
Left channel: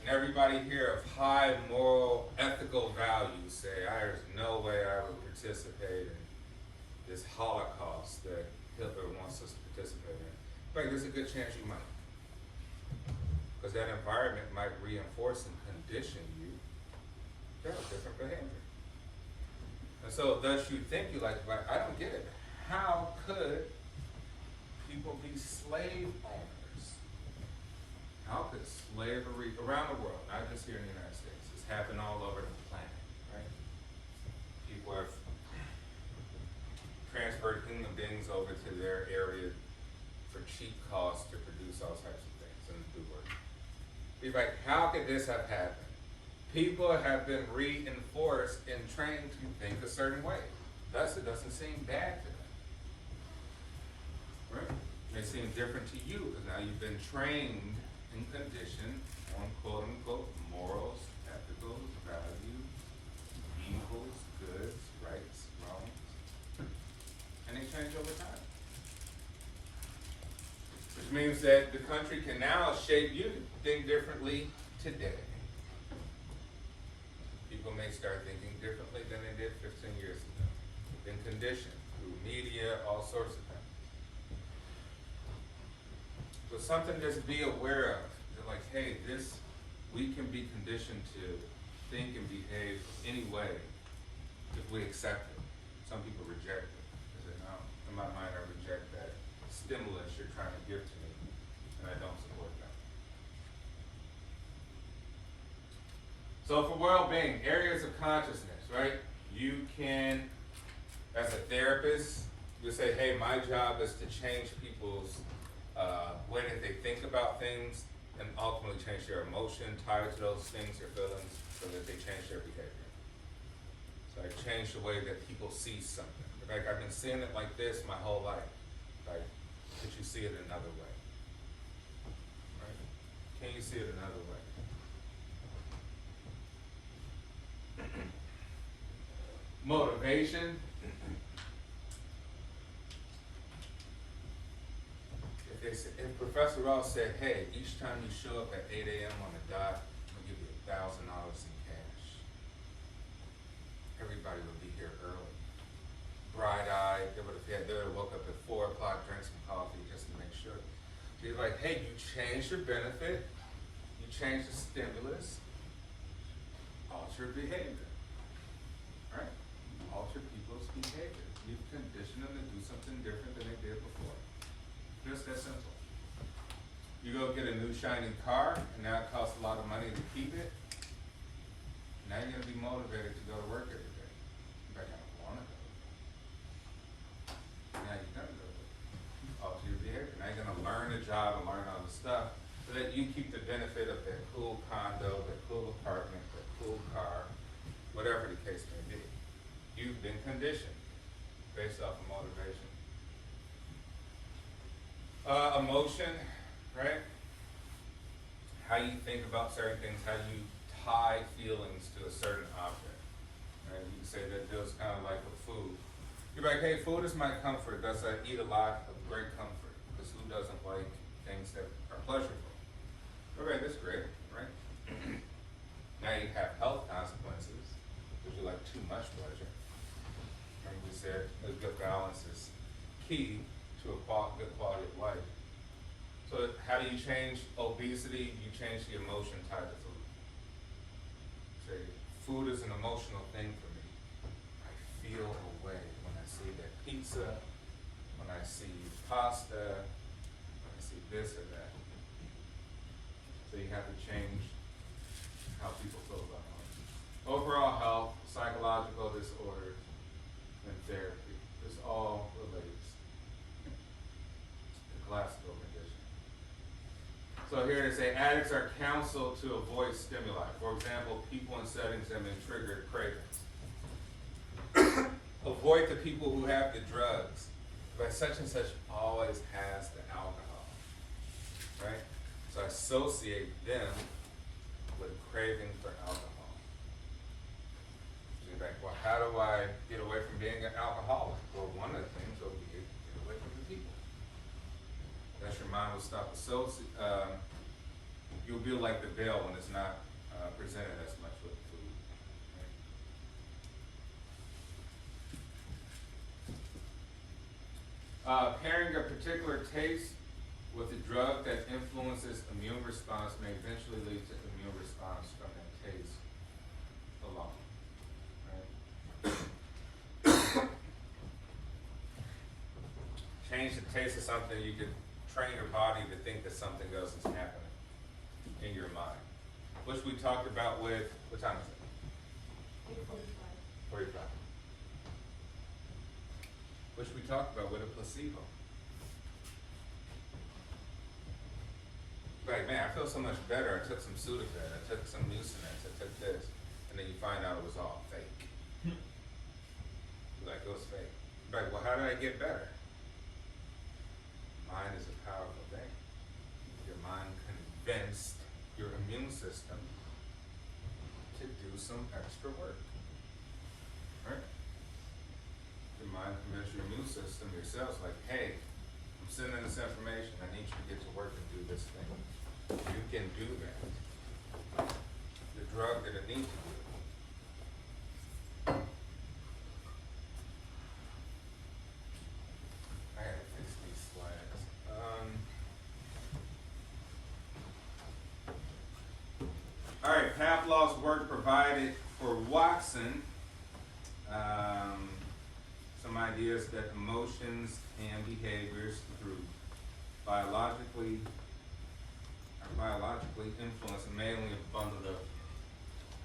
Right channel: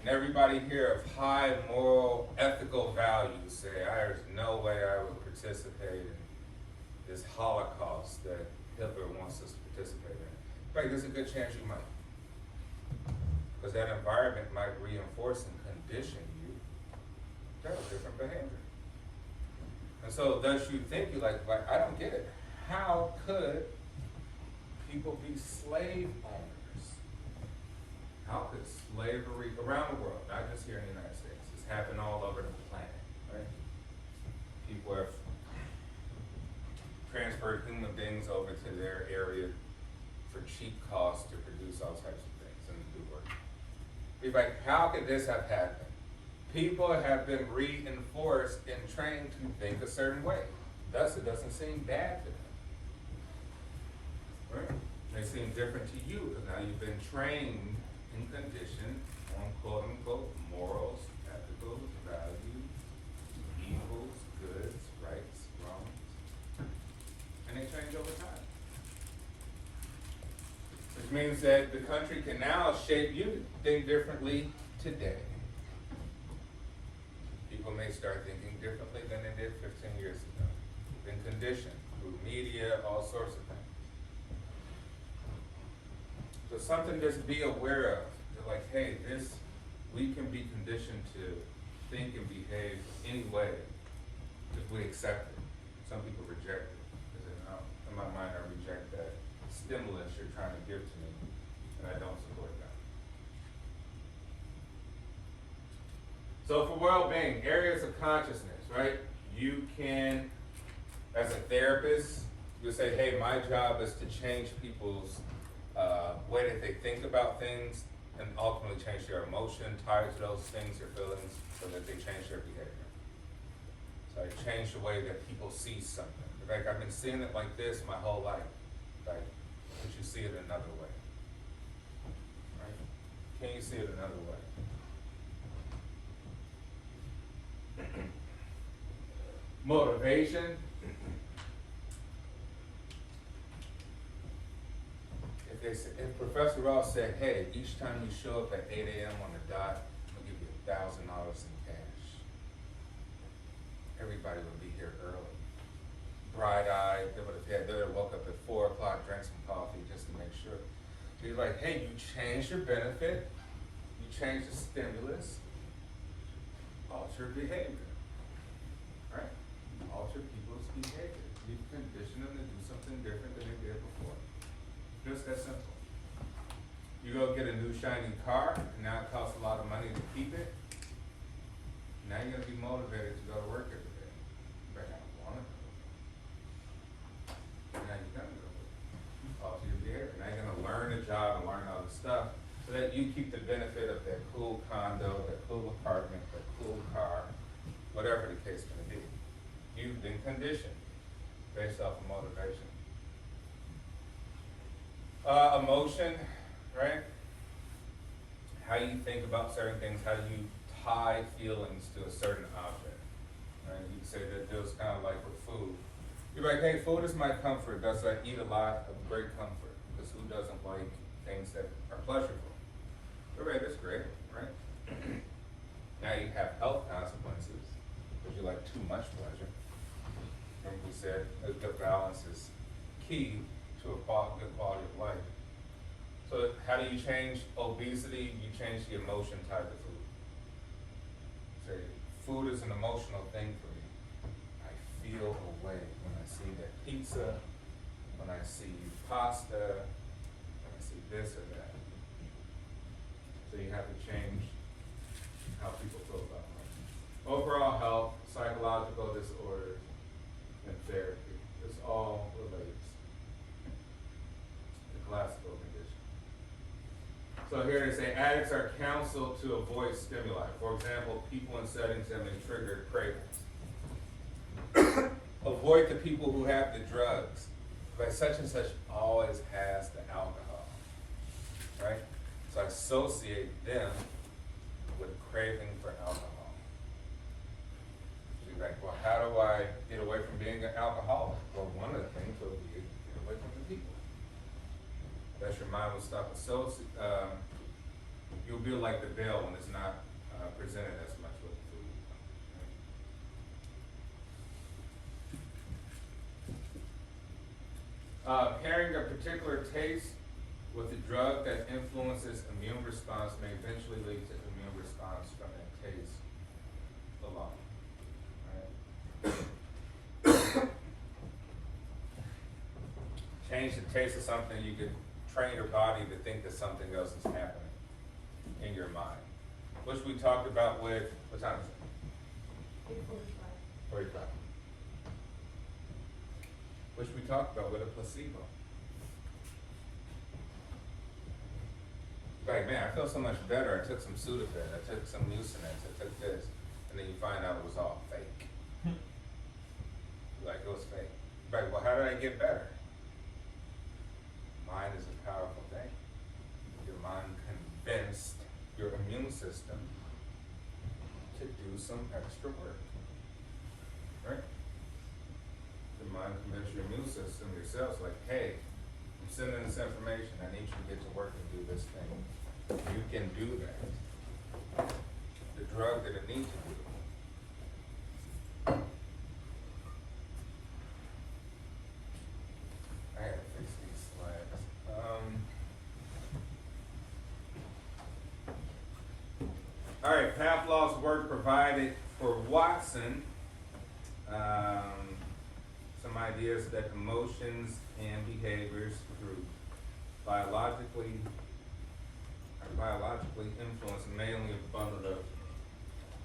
and everybody here of high moral, ethical values say, there's no way I would participate in this Holocaust that Hitler wants us to participate in. Like, there's a good chance you might. Because that environment might reinforce and condition you to have different behavior. And so thus you think, you're like, I don't get it. How could people be slave owners? How could slavery around the world, not just here in the United States, it's happened all over the planet, right? People have transferred human beings over to their area for cheap costs to produce all types of things and do work. Be like, how could this have happened? People have been reinforced and trained to think a certain way. Thus, it doesn't seem bad to them. Right? It may seem different to you because now you've been trained and conditioned on quote unquote morals, ethical values, evils, goods, rights, wrongs. And they change over time. Which means that the country can now shape you to think differently today. People may start thinking differently than they did 15 years ago. They've been conditioned through media, all sorts of things. So something just be aware of. They're like, hey, this, we can be conditioned to think and behave any way if we accept it. Some people reject it. They say, no, in my mind I reject that stimulus you're trying to give to me, and I don't support that. So for well-being, areas of consciousness, right? You can, as a therapist, you say, hey, my job is to change people's way that they think about things and ultimately change their emotion tied to those things, their feelings, so that they change their behavior. So I change the way that people see something. Like, I've been seeing it like this my whole life. Like, could you see it another way? Right? Can you see it another way? Motivation. If Professor Ross said, hey, each time you show up at 8 a.m. on the dot, I'm gonna give you $1,000 in cash. Everybody would be here early. Bright-eyed, they would have woke up at 4 o'clock, drank some coffee just to make sure. Be like, hey, you changed your benefit, you changed the stimulus, alter behavior, right? Alter people's behavior. You condition them to do something different than they did before. Just that simple. You go get a new shiny car, and now it costs a lot of money to keep it. Now you're gonna be motivated to go to work every day. But I don't want to go. Now you're gonna go to work. Alter your behavior. Now you're gonna learn a job and learn all the stuff so that you keep the benefit of that cool condo, that cool apartment, that cool car, whatever the case may be. You've been conditioned based off of motivation. Emotion, right? How you think about certain things, how you tie feelings to a certain object. Right? You can say that feels kind of like with food. You're like, hey, food is my comfort. Thus I eat a lot of great comfort. Because who doesn't like things that are pleasurable? Okay, that's great, right? Now you have health consequences because you like too much pleasure. And we said a good balance is key to a good quality of life. So how do you change obesity? You change the emotion tied to food. Say, food is an emotional thing for me. I feel a way when I see that pizza, when I see pasta, when I see this or that. So you have to change how people feel about money. Overall health, psychological disorders, and therapy. This all relates to classical condition. So here they say addicts are counseled to avoid stimuli. For example, people in settings that may trigger cravings. Avoid the people who have the drugs, but such and such always has the alcohol, right? So I associate them with a craving for alcohol. So you're like, well, how do I get away from being an alcoholic? Well, one of the things will be get away from the people. That's your mind will stop associating. You'll be like the veil when it's not presented as much with the food. Pairing a particular taste with a drug that influences immune response may eventually lead to immune response from a taste alone. Right? Change the taste of something, you could train your body to think that something else is happening in your mind. Which we talked about with, what time is it? 45. Which we talked about with a placebo. Like, man, I feel so much better. I took some Sudafed, I took some Mucinex, I took this, and then you find out it was all fake. Like, it was fake. Like, well, how did I get better? Mind is a powerful thing. Your mind convinced your immune system to do some extra work. Right? Your mind convinced your immune system, your cells, like, hey, I'm sending this information, I need you to get to work and do this thing. You can do that. The drug that it needs to do. I had to fix these slides. All right, Pavlov's work provided for Watson some ideas that emotions and behaviors through biologically influenced mainly a bundle of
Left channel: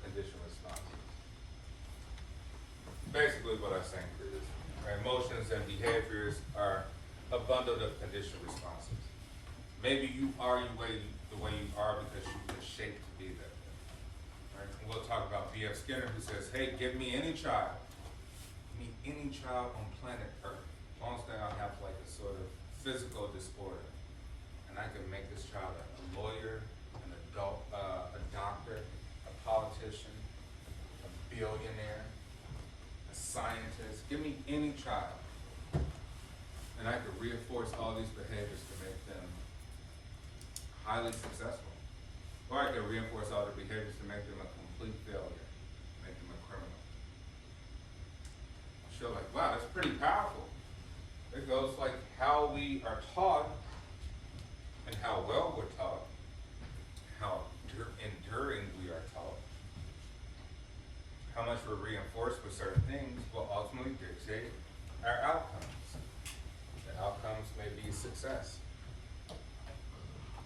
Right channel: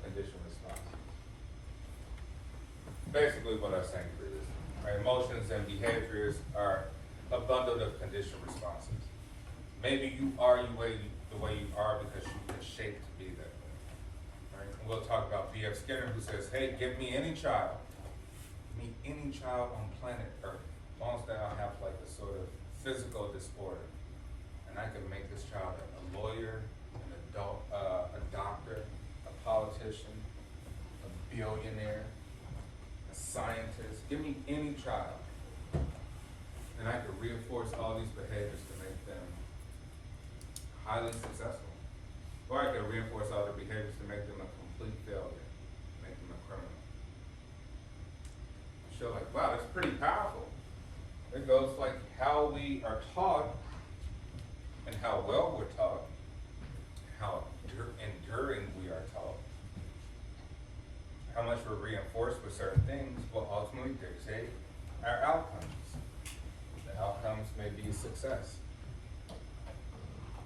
conditioned responses. Basically what I'm saying is, our emotions and behaviors are a bundle of conditioned responses. Maybe you are the way you are because you've been shaped to be that way. Right? And we'll talk about B.F. Skinner, who says, hey, give me any child on planet Earth, as long as they don't have like a sort of physical disorder, and I can make this child a lawyer, an adult, a doctor, a politician, a billionaire, a scientist. Give me any child, and I could reinforce all these behaviors to make them highly successful. Or I could reinforce all the behaviors to make them a complete failure, make them a criminal. So like, wow, that's pretty powerful. It goes like how we are taught and how well we're taught, how enduring we are taught, how much we're reinforced with certain things will ultimately dictate our outcomes. The outcomes may be success.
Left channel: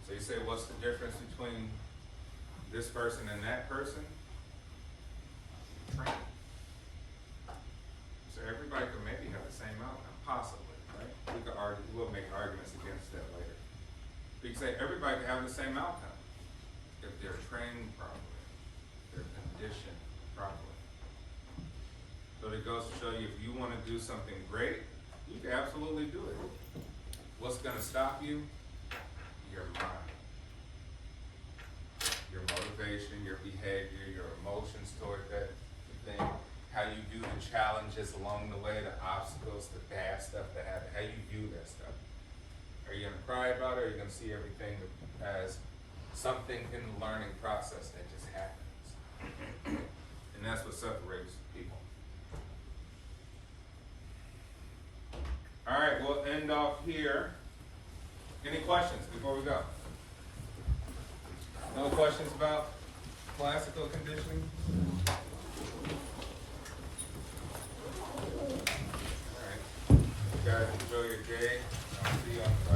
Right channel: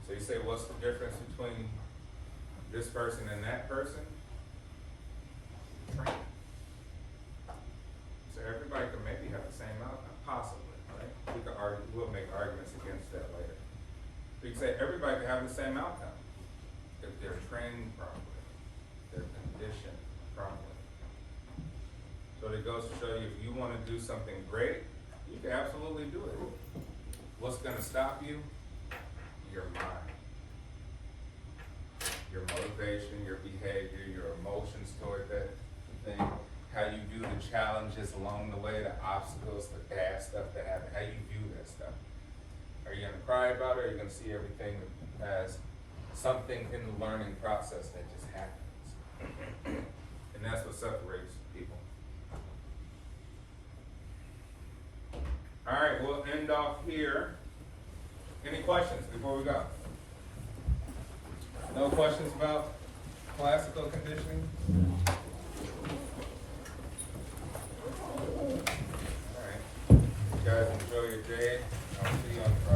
So you say, what's the difference between this person and that person? Training. So everybody can maybe have the same outcome, possibly, right? We can argue, we'll make arguments against that later. But you can say everybody can have the same outcome if they're trained properly, they're conditioned properly. So it goes to show you, if you want to do something great, you can absolutely do it. what's gonna stop you? Your mind. Your motivation, your behavior, your emotions toward that thing, how you view the challenges along the way, the obstacles, the bad stuff that happen, how you view that stuff. Are you gonna cry about it, or are you gonna see everything as something in the learning process that just happens? And that's what separates people. All right, we'll end off here. Any questions before we go? No questions about classical conditioning? All right. You guys enjoy your day. I'll see you on Friday.